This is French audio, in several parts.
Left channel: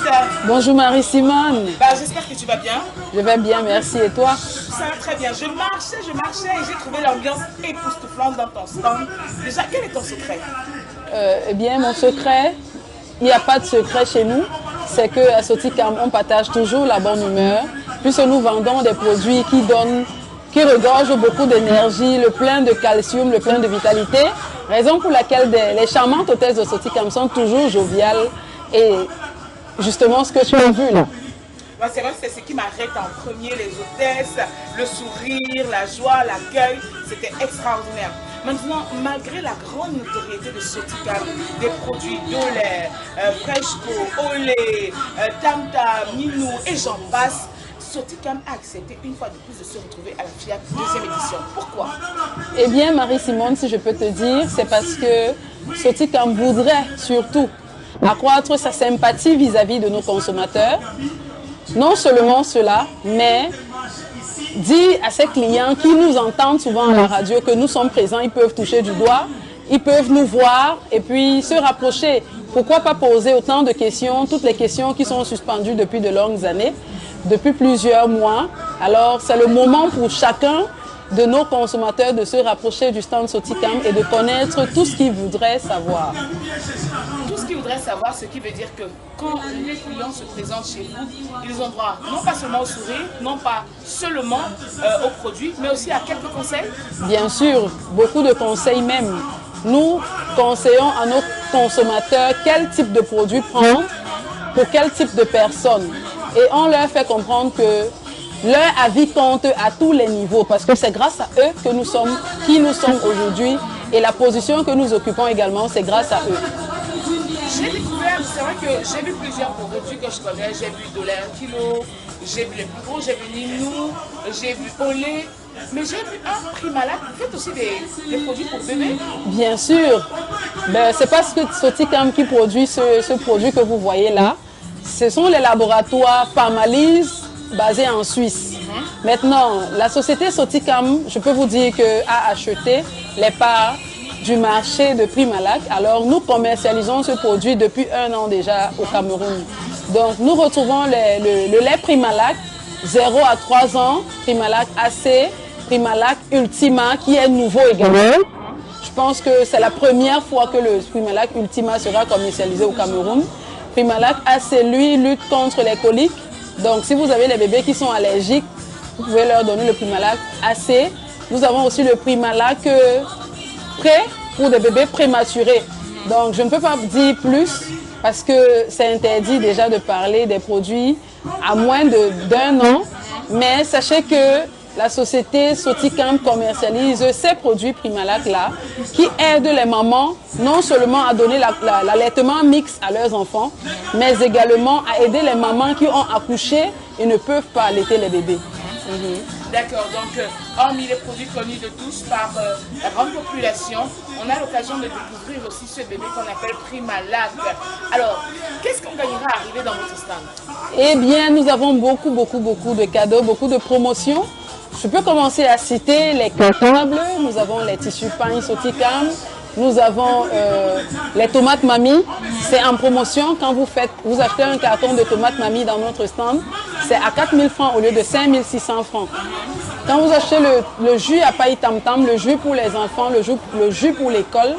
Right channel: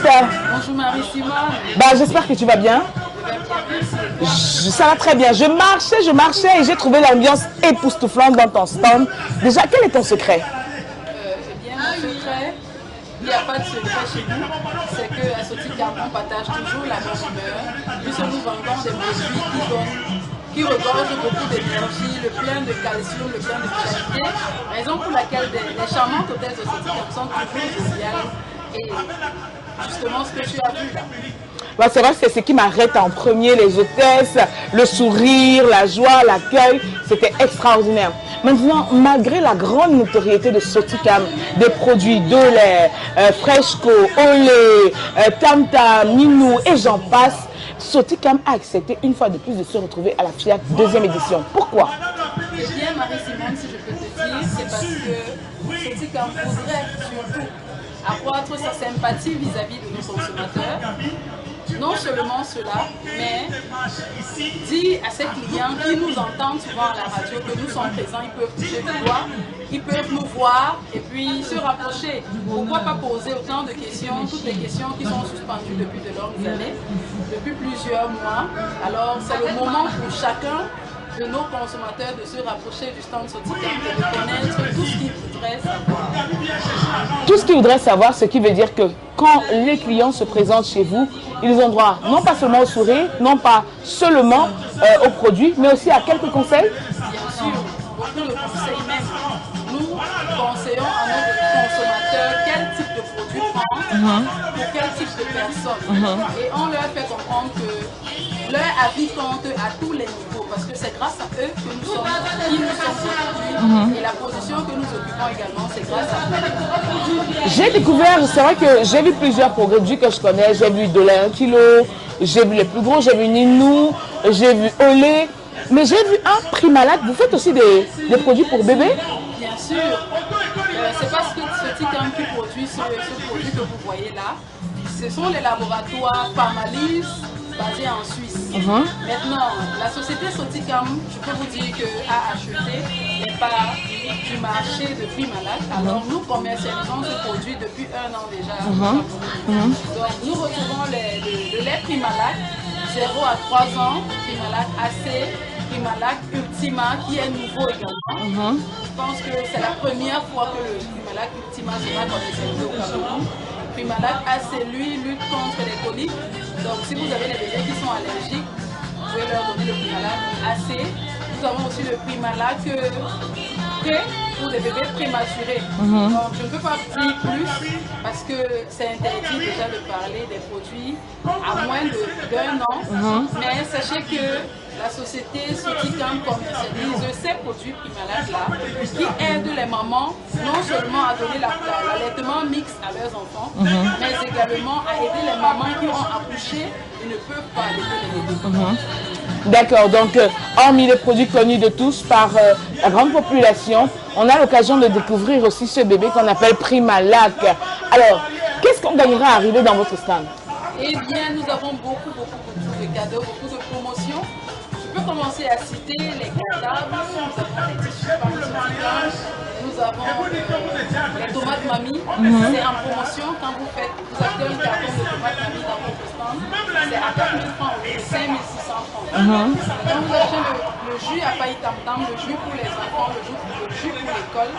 Anita. Bonjour Marie-Simone. J'espère que tu vas bien. Je vais bien, merci. Et toi? Ça va très bien. Je marchais et j'ai trouvé l'ambiance époustouflante dans ton stand. Déjà, quel est ton secret? Eh bien, mon secret, il n'y a pas de secret chez nous. C'est qu'à Soticam, on partage toujours la bonne humeur. Puisque nous vendons des produits qui regorgent beaucoup d'énergie, le plein de calcium, le plein de vitalité. Raison pour laquelle les charmantes hôtesses de Soticam sont toujours joviales. Et justement, ce que tu as vu là. C'est vrai que c'est ce qui m'arrête en premier, les hôtesses, le sourire, la joie, l'accueil, c'était extraordinaire. Maintenant, malgré la grande notoriété de Soticam, des produits de lait, Freshco, Olé, Tam-Tam, Minou et j'en passe, Soticam a accepté une fois de plus de se retrouver à la FIAC deuxième édition. Pourquoi? Eh bien, Marie-Simone, si je peux te dire, c'est parce que Soticam voudrait surtout accroître sa sympathie vis-à-vis de nos consommateurs. Non seulement cela, mais dire à ses clients qui nous entendent souvent à la radio que nous sommes présents, ils peuvent toucher du doigt, ils peuvent nous voir et puis se rapprocher. Pourquoi pas poser autant de questions, toutes les questions qui sont suspendues depuis de longues années, depuis plusieurs mois. Alors c'est le moment pour chacun de nos consommateurs de se rapprocher du stand Soticam et de connaître tout ce qu'ils voudraient savoir. Tout ce qu'ils voudraient savoir, ce qui veut dire que quand les clients se présentent chez vous, ils ont droit non pas seulement au sourire, non pas seulement aux produits, mais aussi à quelques conseils. Bien sûr, beaucoup de conseils même. Nous conseillons à nos consommateurs quel type de produit prendre pour quel type de personne. Et on leur fait comprendre que leur avis compte à tous les niveaux parce que c'est grâce à eux que nous sommes qui nous sommes aujourd'hui et la position que nous occupons également, c'est grâce à eux. J'ai découvert, c'est vrai que j'ai vu plusieurs produits que je connais, j'ai vu de lait 1 kilo, j'ai vu les plus gros, j'ai vu Ninou, j'ai vu Olé. Mais j'ai vu un Primalac. Vous faites aussi des produits pour bébés? Bien sûr. C'est parce que Soticam qui produit ce produit que vous voyez là. Ce sont les laboratoires Pharmalise basés en Suisse. Maintenant, la société Soticam, je peux vous dire a acheté les parts du marché de Primalac. Alors nous commercialisons ce produit depuis 1 an déjà au Cameroun. Donc nous retrouvons le lait Primalac 0 à 3 ans, Primalac AC, Primalac Ultima qui est nouveau également. Je pense que c'est la première fois que le Primalac Ultima sera commercialisé au Cameroun. Primalac AC, lui, lutte contre les coliques. Donc si vous avez des bébés qui sont allergiques, vous pouvez leur donner le Primalac AC. Nous avons aussi le Primalac prêt pour des bébés prématurés. Donc je ne peux pas dire plus parce que c'est interdit déjà de parler des produits à moins d'1 an. Mais sachez que la société Soticam commercialise ces produits Primalac là qui aident les mamans non seulement à donner l'allaitement mixte à leurs enfants, mais également à aider les mamans qui ont accouché et ne peuvent pas allaiter les bébés. D'accord, donc hormis les produits connus de tous par la grande population, on a l'occasion de découvrir aussi ce bébé qu'on appelle Primalac. Alors, qu'est-ce qu'on gagnera à arriver dans votre stand? Eh bien, nous avons beaucoup de cadeaux, beaucoup de promotions. Je peux commencer à citer les cartables, nous avons les tissus pain Soticam, nous avons les tomates mamie, c'est en promotion. Quand vous achetez un carton de tomates mamie dans notre stand, c'est à 4 000 francs au lieu de 5 600 francs. Quand vous achetez le jus à paille tam-tam, le jus pour les enfants, le jus pour l'école,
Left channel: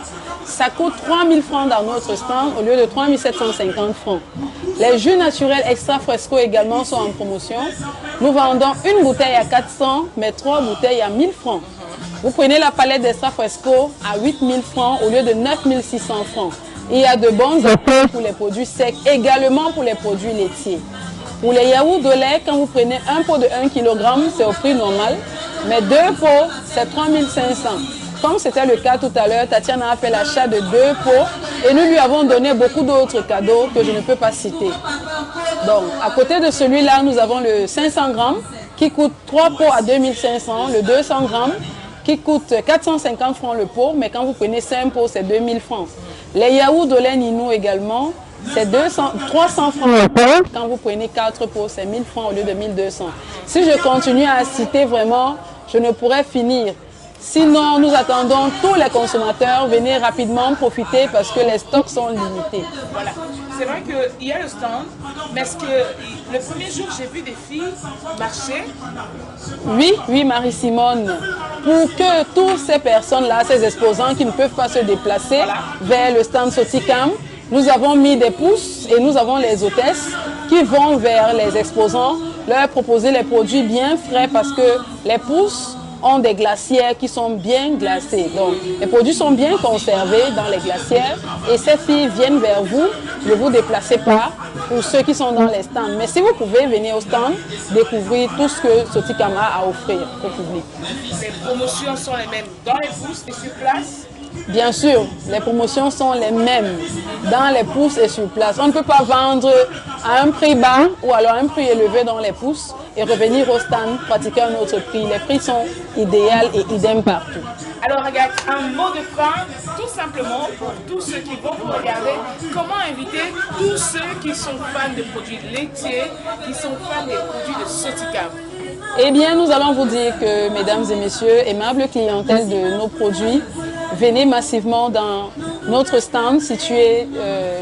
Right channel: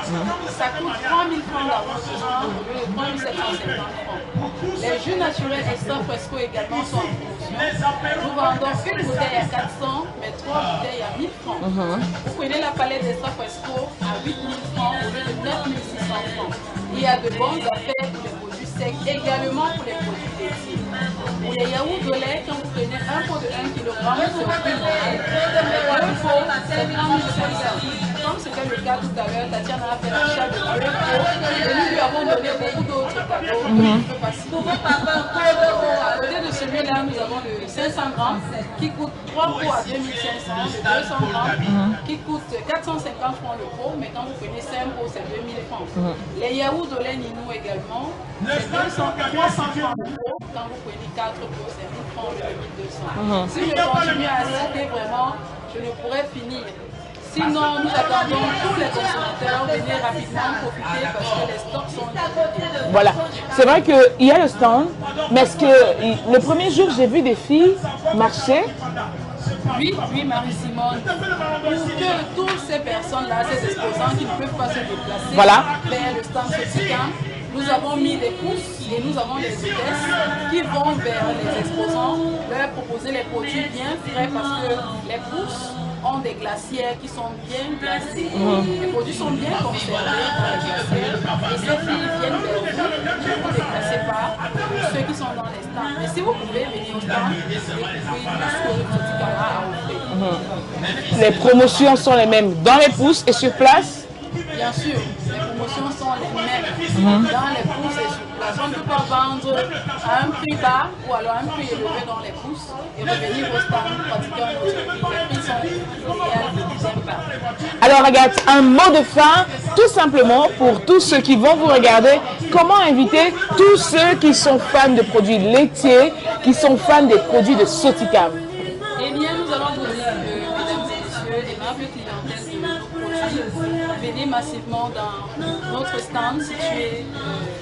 ça coûte 3 000 francs dans notre stand au lieu de 3 750 francs. Les jus naturels extra fresco également sont en promotion. Nous vendons une bouteille à 400, mais 3 bouteilles à 1000 francs. Vous prenez la palette d'extra fresco à 8 000 francs au lieu de 9 600 francs. Il y a de bons offres pour les produits secs, également pour les produits laitiers. Pour les yaourts de lait, quand vous prenez un pot de 1 kg, c'est au prix normal, mais 2 pots, c'est 3 500. Comme c'était le cas tout à l'heure, Tatiana a fait l'achat de 2 pots et nous lui avons donné beaucoup d'autres cadeaux que je ne peux pas citer. Donc, à côté de celui-là, nous avons le 500 grammes qui coûte 3 pots à 2500, le 200 grammes qui coûte 450 francs le pot, mais quand vous prenez 5 pots, c'est 2000 francs. Les yaourts de lait Ninou également, c'est 300 francs le pot. Quand vous prenez 4 pots, c'est 1000 francs au lieu de 1200. Si je continue à citer vraiment, je ne pourrais finir. Sinon, nous attendons tous les consommateurs, venez rapidement profiter parce que les stocks sont limités. Voilà. c'est vrai qu'il y a le stand, mais est-ce que le premier jour, j'ai vu des filles marcher? Oui, oui, Marie-Simone. Pour que toutes ces personnes-là, ces exposants qui ne peuvent pas se déplacer vers le stand Soticam, nous avons mis des pousses et nous avons les hôtesses qui vont vers les exposants, leur proposer les produits bien frais parce que les pousses ont des glacières qui sont bien glacées. Donc, les produits sont bien conservés dans les glacières et ces filles viennent vers vous. Ne vous déplacez pas pour ceux qui sont dans les stands. Mais si vous pouvez venir au stand, découvrir tout ce que Soticam a à offrir au public. Les promotions sont les mêmes dans les pousses et sur place? Bien sûr, les promotions sont les mêmes dans les pousses et sur place. On ne peut pas vendre à un prix bas ou alors un prix élevé dans les pousses et revenir au stand pratiquer un autre prix. Les prix sont idéaux et idem partout. Alors Agathe, un mot de fin, tout simplement pour tous ceux qui vont vous regarder, comment inviter tous ceux qui sont fans de produits laitiers, qui sont fans des produits de Soticam? Eh bien, nous allons vous dire que, mesdames et messieurs, aimable clientèle de nos produits, venez massivement dans notre stand situé,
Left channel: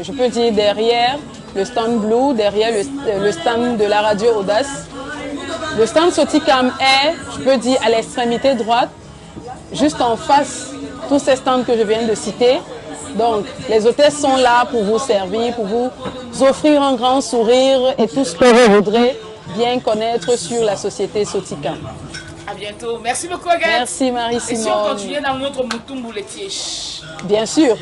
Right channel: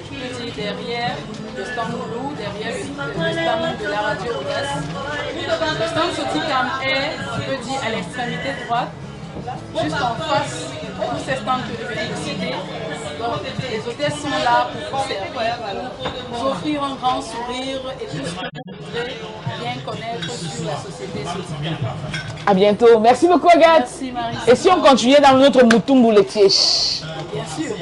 je peux dire, derrière le stand Blue, derrière le stand de la radio Audace. Le stand Soticam est, je peux dire, à l'extrémité droite, juste en face, tous ces stands que je viens de citer. Donc, les hôtesses sont là pour vous servir, pour vous offrir un grand sourire et tout ce que vous voudrez bien connaître sur la société Soticam. À bientôt. Merci beaucoup Agathe. Merci Marie. Et si on continuait dans notre moutoumbo laitier? Bien sûr.